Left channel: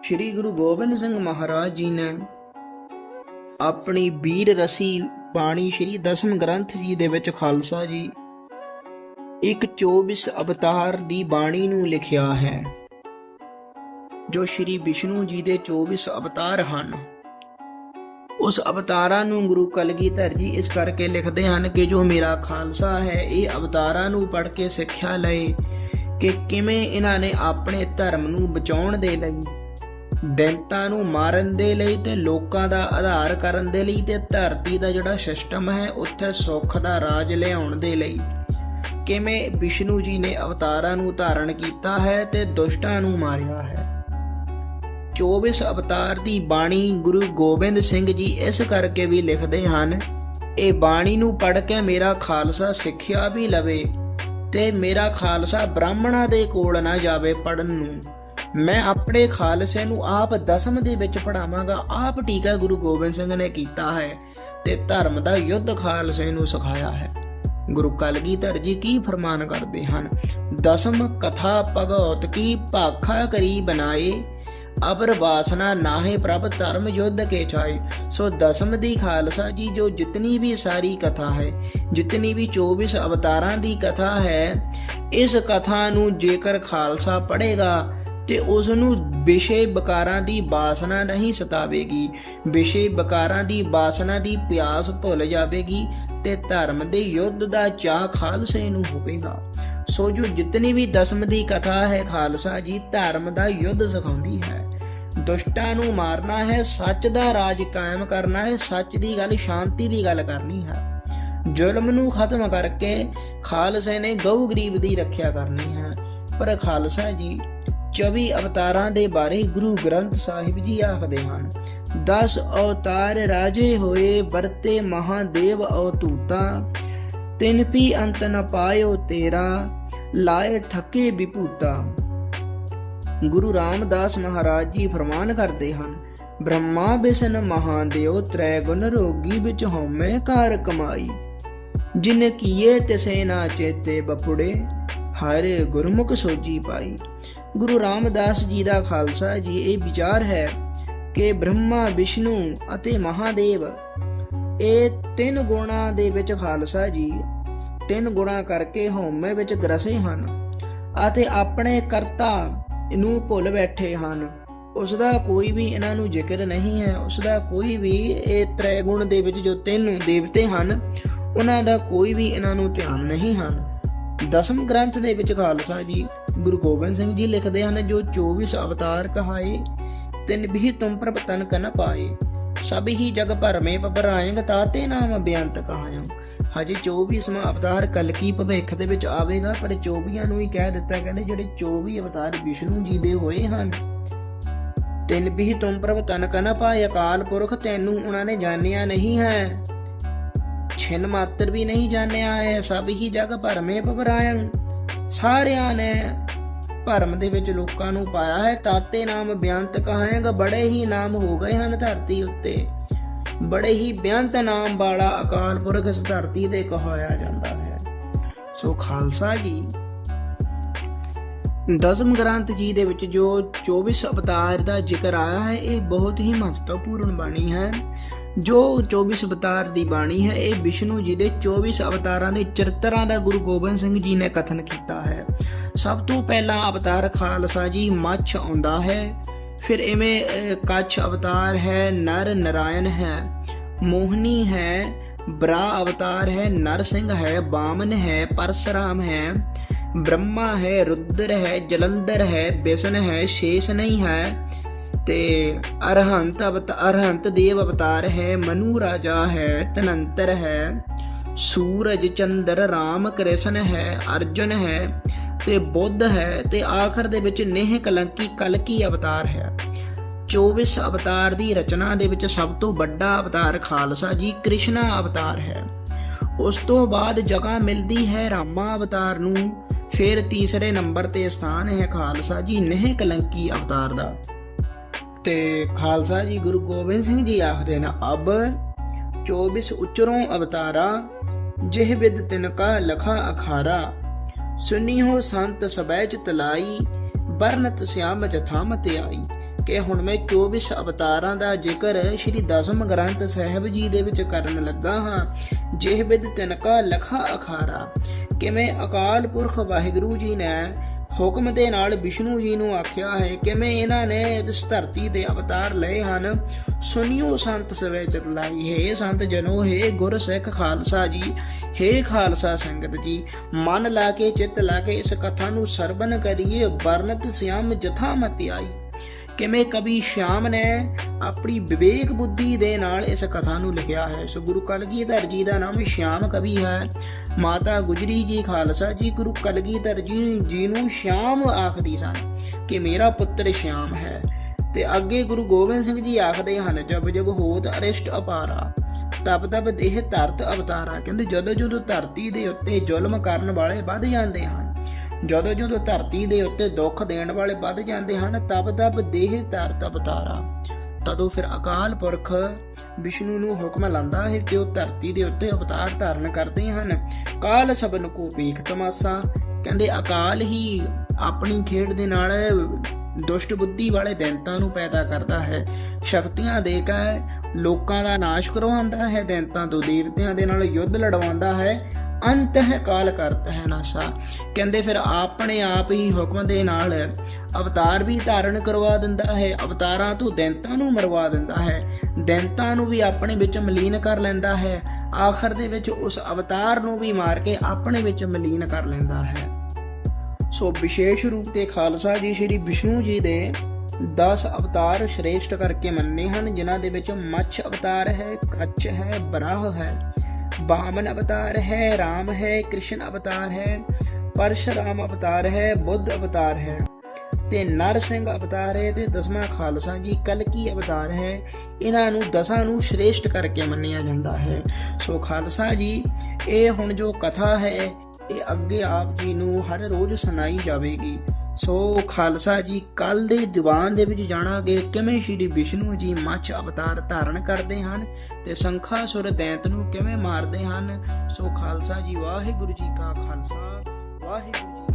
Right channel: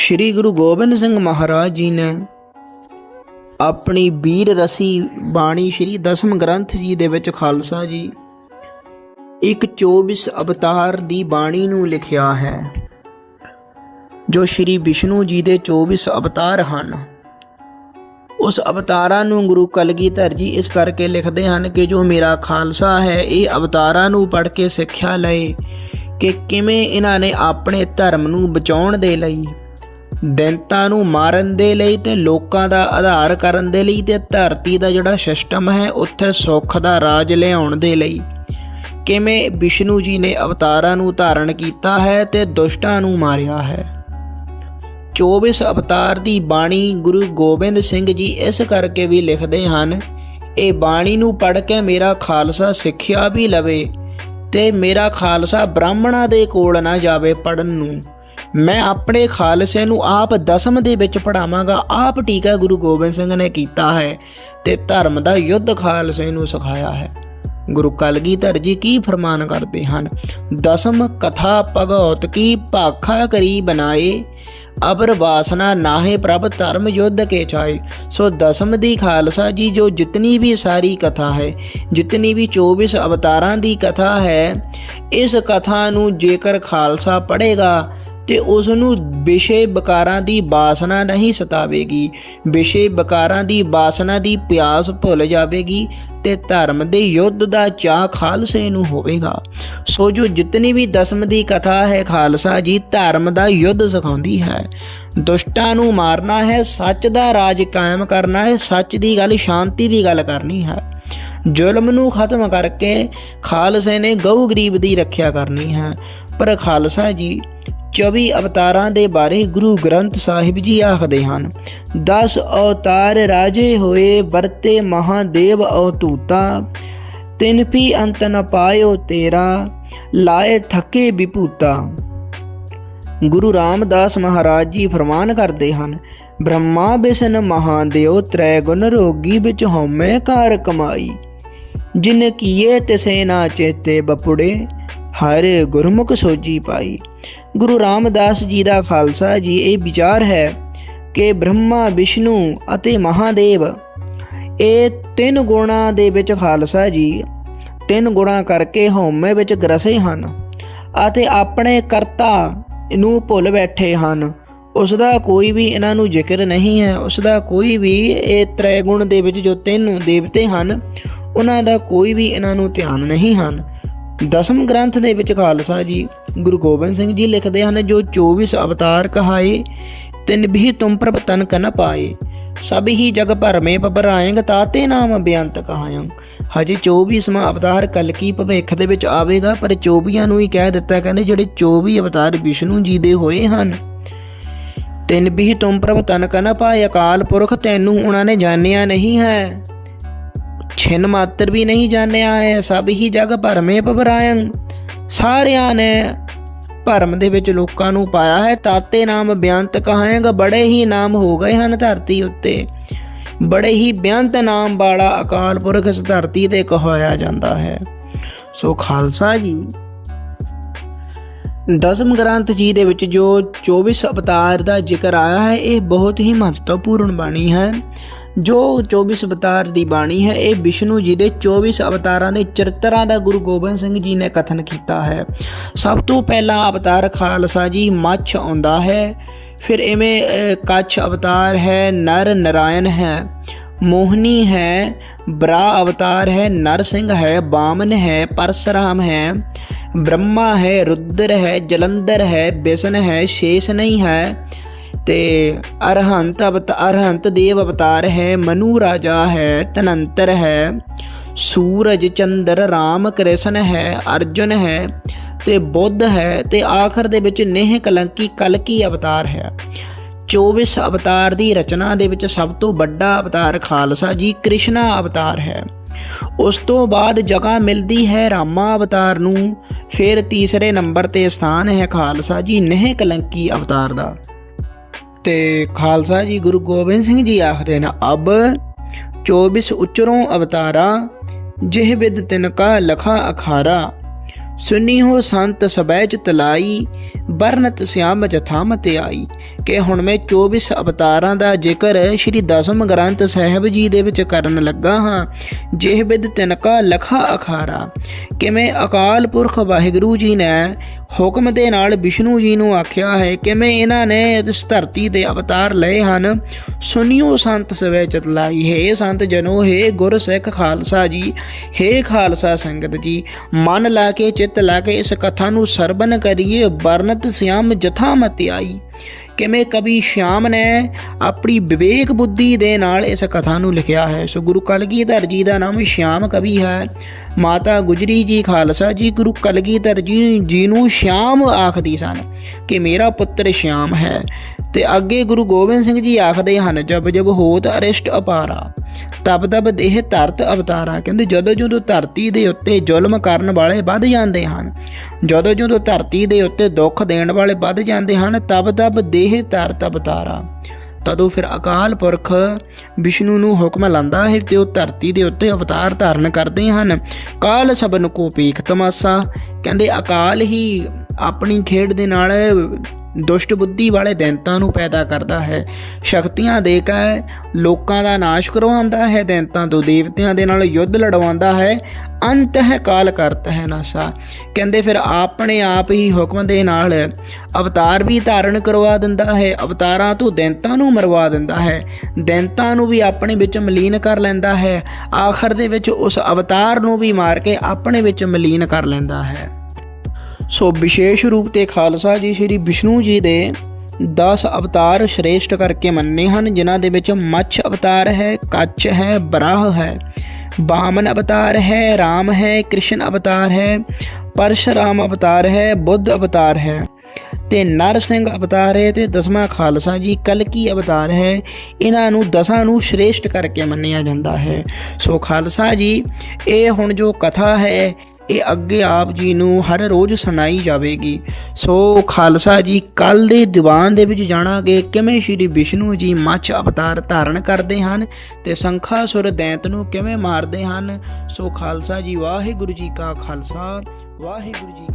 ਸ੍ਰੀ ਗੁਰੂ ਗੋਬਿੰਦ ਸਿੰਘ ਮਹਾਰਾਜ ਜੀ ਨੇ ਆਪਣੀ ਵੀਰ ਰਸੀ ਬਾਣੀ ਸ੍ਰੀ ਦਸਮ ਗ੍ਰੰਥ ਜੀ ਦੇ ਵਿੱਚ ਖਾਲਸਾ ਜੀ ਇੱਕ 24 ਅਵਤਾਰ ਦੀ ਬਾਣੀ ਨੂੰ ਲਿਖਿਆ ਹੈ, ਜੋ ਸ੍ਰੀ ਵਿਸ਼ਨੂੰ ਜੀ ਦੇ 24 ਅਵਤਾਰ ਹਨ। ਉਸ ਅਵਤਾਰਾਂ ਨੂੰ ਗੁਰੂ ਕਲਗੀਧਰ ਜੀ ਇਸ ਕਰਕੇ ਲਿਖਦੇ ਹਨ ਕਿ ਜੋ ਮੇਰਾ ਖਾਲਸਾ ਹੈ, ਇਹ ਅਵਤਾਰਾਂ ਨੂੰ ਪੜ੍ਹ ਕੇ ਸਿੱਖਿਆ ਲਏ ਕਿ ਕਿਵੇਂ ਇਹਨਾਂ ਨੇ ਆਪਣੇ ਧਰਮ ਨੂੰ ਬਚਾਉਣ ਦੇ ਲਈ ਦੈਂਤਾਂ ਨੂੰ ਮਾਰਨ ਦੇ ਲਈ ਤੇ ਲੋਕਾਂ ਦਾ ਆਧਾਰ ਕਰਨ ਦੇ ਲਈ ਤੇ ਧਰਤੀ ਦਾ ਜਿਹੜਾ ਸਿਸਟਮ ਹੈ, ਉੱਥੇ ਸੁੱਖ ਦਾ ਰਾਜ ਲਿਆਉਣ ਦੇ ਲਈ। ਕਿਵੇਂ ਵਿਸ਼ਨੂੰ ਜੀ ਨੇ ਅਵਤਾਰਾਂ ਨੂੰ ਧਾਰਨ ਕੀਤਾ ਹੈ ਤੇ ਦੁਸ਼ਟਾਂ ਨੂੰ ਮਾਰਿਆ ਹੈ? 24 ਅਵਤਾਰ ਦੀ ਬਾਣੀ ਗੁਰੂ ਗੋਬਿੰਦ ਸਿੰਘ ਜੀ ਇਸ ਕਰਕੇ ਵੀ ਲਿਖਦੇ ਹਨ, ਇਹ ਬਾਣੀ ਨੂੰ ਪੜ੍ਹ ਕੇ ਮੇਰਾ ਖਾਲਸਾ ਸਿੱਖਿਆ ਵੀ ਲਵੇ ਤੇ ਮੇਰਾ ਖਾਲਸਾ ਬ੍ਰਾਹਮਣਾਂ ਦੇ ਕੋਲ ਨਾ ਜਾਵੇ ਪੜਨ ਨੂੰ। ਮੈਂ ਆਪਣੇ ਖਾਲਸੇ ਨੂੰ ਆਪ ਦਸਮ ਦੇ ਵਿੱਚ ਪੜਾਵਾਂਗਾ ਆਪ ਟੀਕਾ ਗੁਰੂ ਗੋਬਿੰਦ ਸਿੰਘ ਨੇ ਕੀਤਾ ਹੈ ਤੇ ਧਰਮ ਦਾ ਯੁੱਧ ਖਾਲਸੇ ਨੂੰ ਸਿਖਾਇਆ ਹੈ। ਗੁਰੂ ਕਲਗੀਧਰ ਜੀ ਕੀ ਫਰਮਾਨ ਕਰਦੇ ਹਨ? ਦਸਮ ਕਥਾ ਭਗਉਤ ਕੀ ਭਾਖਾ ਕਰੀ ਬਣਾਏ, ਅਬਰ ਵਾਸਨਾ ਨਾਹੇ ਪ੍ਰਭ ਧਰਮ ਯੁੱਧ ਕੇ ਚਾਏ ਸੋ ਦਸਮ ਦੀ ਖਾਲਸਾ ਜੀ ਜੋ ਜਿਤਨੀ ਵੀ ਸਾਰੀ ਕਥਾ ਹੈ, ਜਿਤਨੀ ਵੀ 24 ਅਵਤਾਰਾਂ ਦੀ ਕਥਾ ਹੈ, ਇਸ ਕਥਾ ਨੂੰ ਜੇਕਰ ਖਾਲਸਾ ਪੜ੍ਹੇਗਾ ਤੇ ਉਸ ਨੂੰ ਵਿਸ਼ੇ ਬਕਾਰਾਂ ਦੀ ਬਾਸਨਾ ਨਹੀਂ ਸਤਾਵੇਗੀ। ਵਿਸ਼ੇ ਬਕਾਰਾਂ ਦੀ ਬਾਸਨਾ ਦੀ ਪਿਆਸ ਭੁੱਲ ਜਾਵੇਗੀ ਤੇ ਧਰਮ ਦੇ ਯੁੱਧ ਦਾ ਚਾਹ ਖਾਲਸੇ ਨੂੰ ਹੋਵੇਗਾ। ਸੋ ਜੋ ਜਿਤਨੀ ਵੀ ਦਸਮ ਦੀ ਕਥਾ ਹੈ ਖਾਲਸਾ ਜੀ, ਧਰਮ ਦਾ ਯੁੱਧ ਸਿਖਾਉਂਦੀ ਹੈ। ਦੁਸ਼ਟਾਂ ਨੂੰ ਮਾਰਨਾ ਹੈ, ਸੱਚ ਦਾ ਰਾਜ ਕਾਇਮ ਕਰਨਾ ਹੈ, ਸੱਚ ਦੀ ਗੱਲ, ਸ਼ਾਂਤੀ ਦੀ ਗੱਲ ਕਰਨੀ ਹੈ। ਜ਼ੁਲਮ ਨੂੰ ਖਤਮ ਕਰਕੇ ਖਾਲਸੇ ਨੇ ਗਊ ਗਰੀਬ ਦੀ ਰੱਖਿਆ ਕਰਨੀ ਹੈ। ਪਰ ਖਾਲਸਾ ਜੀ 24 ਅਵਤਾਰਾਂ ਦੇ ਬਾਰੇ ਗੁਰੂ ਗ੍ਰੰਥ ਸਾਹਿਬ ਜੀ ਆਖਦੇ ਹਨ 10 ਅਵਤਾਰ ਰਾਜੇ ਹੋਏ, ਵਰਤੇ ਮਹਾਦੇਵ ਅਵਤੂਤਾ ਤਿਨ ਵੀ ਅੰਤ ਨ ਪਾਇਓ ਤੇਰਾ, ਲਾਏ ਥਕੇ ਵਿਭੂਤਾ। ਗੁਰੂ ਰਾਮਦਾਸ ਮਹਾਰਾਜ ਜੀ ਫਰਮਾਨ ਕਰਦੇ ਹਨ, ਬ੍ਰਹਮਾ ਬਿਸ਼ਨ ਮਹਾਦੇਵ ਤ੍ਰੈ ਗੁਣ ਰੋਗੀ ਵਿੱਚ ਹਉਮੈ ਕਾਰ ਕਮਾਈ। ਜਿਨ ਕੀਏ ਤਿਸੇ ਨਾ ਚੇਤੇ ਬਪੁੜੇ ਹਰੇ ਗੁਰਮੁਖ ਸੋਜੀ ਪਾਈ। ਗੁਰੂ ਰਾਮਦਾਸ ਜੀ ਦਾ ਖਾਲਸਾ ਜੀ, ਇਹ ਵਿਚਾਰ ਹੈ ਕਿ ਬ੍ਰਹਮਾ, ਵਿਸ਼ਨੂੰ ਅਤੇ ਮਹਾਦੇਵ, ਇਹ ਤਿੰਨ ਗੁਣਾਂ ਦੇ ਵਿੱਚ ਖਾਲਸਾ ਜੀ, ਤਿੰਨ ਗੁਣਾਂ ਕਰਕੇ ਹਉਮੈ ਵਿੱਚ ਗਰਸੇ ਹਨ ਅਤੇ ਆਪਣੇ ਕਰਤਾ ਨੂੰ ਭੁੱਲ ਬੈਠੇ ਹਨ। ਉਸ ਦਾ ਕੋਈ ਵੀ ਇਹਨਾਂ ਨੂੰ ਜ਼ਿਕਰ ਨਹੀਂ ਹੈ। ਉਸ ਦਾ ਕੋਈ ਵੀ ਇਹ ਤ੍ਰੈ ਗੁਣ ਦੇ ਵਿੱਚ ਜੋ ਤਿੰਨ ਦੇਵਤੇ ਹਨ, ਉਹਨਾਂ ਦਾ ਕੋਈ ਵੀ ਇਹਨਾਂ ਨੂੰ ਧਿਆਨ ਨਹੀਂ ਹਨ। ਦਸਮ ਗ੍ਰੰਥ ਦੇ ਵਿੱਚ ਖਾਲਸਾ ਜੀ ਗੁਰੂ ਗੋਬਿੰਦ ਸਿੰਘ ਜੀ ਲਿਖਦੇ ਹਨ, ਜੋ 24 ਅਵਤਾਰ ਕਹਾਏ, ਤਿਨ ਵੀ ਤੁਮ ਪ੍ਰਭ ਤਨ ਕਨ ਪਾਏ। ਸਭ ਹੀ ਜਗ ਭਰ ਮੇ ਪਬਰਾਇੰਗ ਤਾਤੇ ਨਾਮ ਬੇਅੰਤ ਕਹਾਇੰ ਹਜੇ 24ਵਾਂ ਅਵਤਾਰ ਕਲਕੀ ਭਵਿੱਖ ਦੇ ਵਿੱਚ ਆਵੇਗਾ, ਪਰ 24 ਨੂੰ ਹੀ ਕਹਿ ਦਿੱਤਾ ਕਹਿੰਦੇ ਜਿਹੜੇ 24 ਅਵਤਾਰ ਵਿਸ਼ਨੂੰ ਜੀ ਦੇ ਹੋਏ ਹਨ। ਤਿੰਨ ਵੀ ਤੁਮ ਪ੍ਰਭ ਤਨ ਕਨ ਪਾਏ, ਅਕਾਲ ਪੁਰਖ ਤੈਨੂੰ ਉਹਨਾਂ ਨੇ ਜਾਣਿਆ ਨਹੀਂ ਹੈ। ਛਿਨ ਮਾਤਰ ਵੀ ਨਹੀਂ ਜਾਣਿਆ ਹੈ ਸਭ ਹੀ ਜਗ ਭਰਮੇ ਪਵਰਾਇੰ ਸਾਰਿਆਂ ਨੇ ਭਰਮ ਦੇ ਵਿੱਚ ਲੋਕਾਂ ਨੂੰ ਪਾਇਆ ਹੈ। ਤਾਤੇ ਨਾਮ ਬਿਆੰਤ ਕਹਾਏਗਾ, ਬੜੇ ਹੀ ਨਾਮ ਹੋ ਗਏ ਹਨ ਧਰਤੀ ਉੱਤੇ। ਬੜੇ ਹੀ ਬਿਆੰਤ ਨਾਮ ਵਾਲਾ ਅਕਾਲ ਪੁਰਖ ਇਸ ਧਰਤੀ ਤੇ ਕਹਾਇਆ ਜਾਂਦਾ ਹੈ। ਸੋ ਖਾਲਸਾ ਜੀ, ਦਸਮ ਗ੍ਰੰਥ ਜੀ ਦੇ ਵਿੱਚ ਜੋ 24 ਅਵਤਾਰ ਦਾ ਜ਼ਿਕਰ ਆਇਆ ਹੈ, ਇਹ ਬਹੁਤ ਹੀ ਮਹੱਤਵਪੂਰਨ ਬਾਣੀ ਹੈ। ਜੋ 24 ਅਵਤਾਰ ਦੀ ਬਾਣੀ ਹੈ, ਇਹ ਵਿਸ਼ਨੂੰ ਜੀ ਦੇ 24 ਅਵਤਾਰਾਂ ਦੇ ਚਰਿੱਤਰਾਂ ਦਾ ਗੁਰੂ ਗੋਬਿੰਦ ਸਿੰਘ ਜੀ ਨੇ ਕਥਨ ਕੀਤਾ ਹੈ। ਸਭ ਤੋਂ ਪਹਿਲਾ ਅਵਤਾਰ ਖਾਲਸਾ ਜੀ ਮੱਛ ਆਉਂਦਾ ਹੈ, ਫਿਰ ਇਵੇਂ ਕੱਛ ਅਵਤਾਰ ਹੈ, ਨਰ ਨਰਾਇਣ ਹੈ, ਮੋਹਨੀ ਹੈ, ਬਰਾ ਅਵਤਾਰ ਹੈ, ਨਰ ਸਿੰਘ ਹੈ, ਬਾਮਨ ਹੈ, ਪਰਸਰਾਮ ਹੈ, ਬ੍ਰਹਮਾ ਹੈ, ਰੁਦਰ ਹੈ, ਜਲੰਧਰ ਹੈ, ਬੇਸਨ ਹੈ, ਸ਼ੇਸ਼ ਨਹੀਂ ਹੈ ਤੇ ਅਰਹੰਤ ਅਵਤਾਰ ਅਰਹੰਤ ਦੇਵ ਅਵਤਾਰ ਹੈ, ਮਨੂ ਰਾਜਾ ਹੈ, ਤਨੰਤਰ ਹੈ। ਸੂਰਜ, ਚੰਦਰ, ਰਾਮ, ਕ੍ਰਿਸ਼ਨ ਹੈ, ਅਰਜੁਨ ਹੈ ਤੇ ਬੁੱਧ ਹੈ ਤੇ ਆਖਰ ਦੇ ਵਿੱਚ ਨੇਹ ਕਲੰਕੀ ਕਲਕੀ ਅਵਤਾਰ ਹੈ। 24 ਅਵਤਾਰ ਦੀ ਰਚਨਾ ਦੇ ਵਿੱਚ ਸਭ ਤੋਂ ਵੱਡਾ ਅਵਤਾਰ ਖਾਲਸਾ ਜੀ ਕ੍ਰਿਸ਼ਨਾ ਅਵਤਾਰ ਹੈ। ਉਸ ਤੋਂ ਬਾਅਦ ਜਗ੍ਹਾ ਮਿਲਦੀ ਹੈ ਰਾਮਾ ਅਵਤਾਰ ਨੂੰ, ਫਿਰ ਤੀਸਰੇ ਨੰਬਰ ਤੇ ਸਥਾਨ ਹੈ ਖਾਲਸਾ ਜੀ ਨੇਹ ਕਲੰਕੀ ਅਵਤਾਰ ਦਾ। ਤੇ ਖਾਲਸਾ ਜੀ ਗੁਰੂ ਗੋਬਿੰਦ ਸਿੰਘ ਜੀ ਆਖਦੇ ਨੇ, ਅਬ 24 ਉਚਰੋਂ ਅਵਤਾਰਾ, ਜਿਹ ਬਿਦ ਤਿਨ ਕਾ ਲਖਾ ਅਖਾਰਾ ਸੁਨੀ ਹੋ ਸੰਤ ਸਬੈ ਚ ਤਲਾਈ ਬਰਨਤ ਸਿਆਮ ਜਥਾਮਤ ਆਈ, ਕਿ ਹੁਣ ਮੈਂ 24 ਅਵਤਾਰਾਂ ਦਾ ਜ਼ਿਕਰ ਸ੍ਰੀ ਦਸਮ ਗ੍ਰੰਥ ਸਾਹਿਬ ਜੀ ਦੇ ਵਿੱਚ ਕਰਨ ਲੱਗਾ ਹਾਂ, ਜਿਹ ਬਿਦ ਤਿਨਕਾ ਲਖਾ ਅਖਾਰਾ, ਕਿਵੇਂ ਅਕਾਲ ਪੁਰਖ ਵਾਹਿਗੁਰੂ ਜੀ ਨੇ ਹੁਕਮ ਦੇ ਨਾਲ ਵਿਸ਼ਨੂੰ ਜੀ ਨੂੰ ਆਖਿਆ ਹੈ, ਕਿਵੇਂ ਇਹਨਾਂ ਨੇ ਇਸ ਧਰਤੀ ਦੇ ਅਵਤਾਰ ਲਏ ਹਨ? ਸੁਣਿਓ ਸੰਤ ਸਵੇ ਚਤਲਾਈ। ਹੈ ਸੰਤ ਜਨੋ, ਹੈ ਗੁਰ ਸਿੱਖ ਖਾਲਸਾ ਜੀ। ਹੈ ਖਾਲਸਾ ਸੰਗਤ ਜੀ, ਮਨ ਲਾ ਕੇ, ਚਿੱਤ ਲਾ ਕੇ ਇਸ ਕਥਾ ਨੂੰ ਸਰਬਨ ਕਰੀਏ। ਵਰਨਤ ਸਿਆਮ ਜਥਾ ਮਤਿਆਈ ਕਿਵੇਂ ਕਵੀ ਸ਼ਾਮ ਨੇ ਆਪਣੀ ਵਿਵੇਕ ਬੁੱਧੀ ਦੇ ਨਾਲ ਇਸ ਕਥਾ ਨੂੰ ਲਿਖਿਆ ਹੈ? ਸੋ ਗੁਰੂ ਕਲਗੀਧਰ ਜੀ ਦਾ ਨਾਮ ਸ਼ਾਮ ਕਵੀ ਹੈ। ਮਾਤਾ ਗੁਜਰੀ ਜੀ ਖਾਲਸਾ ਜੀ ਗੁਰੂ ਕਲਗੀਧਰ ਜੀ ਜੀ ਨੂੰ ਸ਼ਾਮ ਆਖਦੀ ਸਨ ਕਿ ਮੇਰਾ ਪੁੱਤਰ ਸ਼ਾਮ ਹੈ ਤੇ ਅੱਗੇ ਗੁਰੂ ਗੋਬਿੰਦ ਸਿੰਘ ਜੀ ਆਖਦੇ ਹਨ, ਜਬ ਜਬ ਹੋਤ ਅਰਿਸ਼ਟ ਅਪਾਰਾ, ਤਬ ਤਬ ਦੇਹ ਧਰਤ ਅਵਤਾਰਾ। ਕਹਿੰਦੇ, ਜਦੋਂ ਜਦੋਂ ਧਰਤੀ ਦੇ ਉੱਤੇ ਜ਼ੁਲਮ ਕਰਨ ਵਾਲੇ ਵੱਧ ਜਾਂਦੇ ਹਨ ਜਦੋਂ ਜਦੋਂ ਧਰਤੀ ਦੇ ਉੱਤੇ ਦੁੱਖ ਦੇਣ ਵਾਲੇ ਵੱਧ ਜਾਂਦੇ ਹਨ, ਤਬ ਤਬ ਦੇਹ ਤਰ ਤਬ ਤਾਰਾ। ਤਦੋਂ ਫਿਰ ਅਕਾਲ ਪੁਰਖ ਵਿਸ਼ਨੂੰ ਨੂੰ ਹੁਕਮ ਲਾਂਦਾ ਹੈ ਤੇ ਉਹ ਧਰਤੀ ਦੇ ਉੱਤੇ ਅਵਤਾਰ ਧਾਰਨ ਕਰਦੇ ਹਨ। ਕਾਲ ਸਬਨ ਕੋ ਪੀਖ ਤਮਾਸਾ। ਕਹਿੰਦੇ ਅਕਾਲ ਹੀ ਆਪਣੀ ਖੇਡ ਦੇ ਨਾਲ ਦੁਸ਼ਟ ਬੁੱਧੀ ਵਾਲੇ ਦੈਂਤਾਂ ਨੂੰ ਪੈਦਾ ਕਰਦਾ ਹੈ। ਸ਼ਕਤੀਆਂ ਦੇ ਕੇ ਲੋਕਾਂ ਦਾ ਨਾਸ਼ ਕਰਵਾਉਂਦਾ ਹੈ। ਦੈਂਤਾਂ ਤੋਂ ਦੇਵਤਿਆਂ ਦੇ ਨਾਲ ਯੁੱਧ ਲੜਵਾਉਂਦਾ ਹੈ। ਅੰਤ ਹੈ ਕਾਲ ਕਰਤ ਹੈ ਨਾਸਾ। ਕਹਿੰਦੇ ਫਿਰ ਆਪਣੇ ਆਪ ਹੀ ਹੁਕਮ ਦੇ ਨਾਲ ਅਵਤਾਰ ਵੀ ਧਾਰਨ ਕਰਵਾ ਦਿੰਦਾ ਹੈ। ਅਵਤਾਰਾਂ ਤੋਂ ਦੈਂਤਾਂ ਨੂੰ ਮਰਵਾ ਦਿੰਦਾ ਹੈ। ਦੈਂਤਾਂ ਨੂੰ ਵੀ ਆਪਣੇ ਵਿੱਚ ਮਲੀਨ ਕਰ ਲੈਂਦਾ ਹੈ। ਆਖਰ ਦੇ ਵਿੱਚ ਉਸ ਅਵਤਾਰ ਨੂੰ ਵੀ ਮਾਰ ਕੇ ਆਪਣੇ ਵਿੱਚ ਮਲੀਨ ਕਰ ਲੈਂਦਾ ਹੈ। ਸੋ ਵਿਸ਼ੇਸ਼ ਰੂਪ ਤੇ ਖਾਲਸਾ ਜੀ ਸ੍ਰੀ ਵਿਸ਼ਨੂੰ ਜੀ ਦੇ 10 ਅਵਤਾਰ ਸ਼੍ਰੇਸ਼ਟ ਕਰਕੇ ਮੰਨੇ ਹਨ, ਜਿਨ੍ਹਾਂ ਦੇ ਵਿੱਚ ਮੱਛ ਅਵਤਾਰ ਹੈ ਕੱਛ ਹੈ, ਬਰਾਹ ਹੈ ਬਾਮਨ ਅਵਤਾਰ ਹੈ RAM ਹੈ, ਕ੍ਰਿਸ਼ਨ ਅਵਤਾਰ ਹੈ, ਪਰਸ਼ਰਾਮ ਅਵਤਾਰ ਹੈ, ਬੁੱਧ ਅਵਤਾਰ ਹੈ। ਤੇ ਨਰ ਸਿੰਘ ਅਵਤਾਰ ਹੈ ਤੇ ਦਸਵਾਂ ਖਾਲਸਾ ਜੀ ਕਲਕੀ ਅਵਤਾਰ ਹੈ। ਇਹਨਾਂ ਨੂੰ ਦਸਾਂ ਨੂੰ ਸ਼੍ਰੇਸ਼ਟ ਕਰਕੇ ਮੰਨਿਆ ਜਾਂਦਾ ਹੈ। ਸੋ ਖਾਲਸਾ ਜੀ, ਇਹ ਹੁਣ ਜੋ ਕਥਾ ਹੈ ਇਹ ਅੱਗੇ ਆਪ ਜੀ ਨੂੰ ਹਰ ਰੋਜ਼ ਸੁਣਾਈ ਜਾਵੇਗੀ। ਸੋ ਖਾਲਸਾ ਜੀ, ਕੱਲ ਦੇ ਦੀਵਾਨ ਦੇ ਵਿੱਚ ਜਾਣਾਂਗੇ ਕਿਵੇਂ ਸ਼੍ਰੀ ਵਿਸ਼ਨੂੰ ਜੀ ਮੱਛ ਅਵਤਾਰ ਧਾਰਨ ਕਰਦੇ ਹਨ ਤੇ ਸੰਖਾਸੁਰ ਦੈਂਤ ਨੂੰ ਕਿਵੇਂ ਮਾਰਦੇ ਹਨ। ਸੋ ਖਾਲਸਾ ਜੀ, ਵਾਹਿਗੁਰੂ ਜੀ ਕਾ ਖਾਲਸਾ, ਵਾਹਿਗੁਰੂ ਜੀ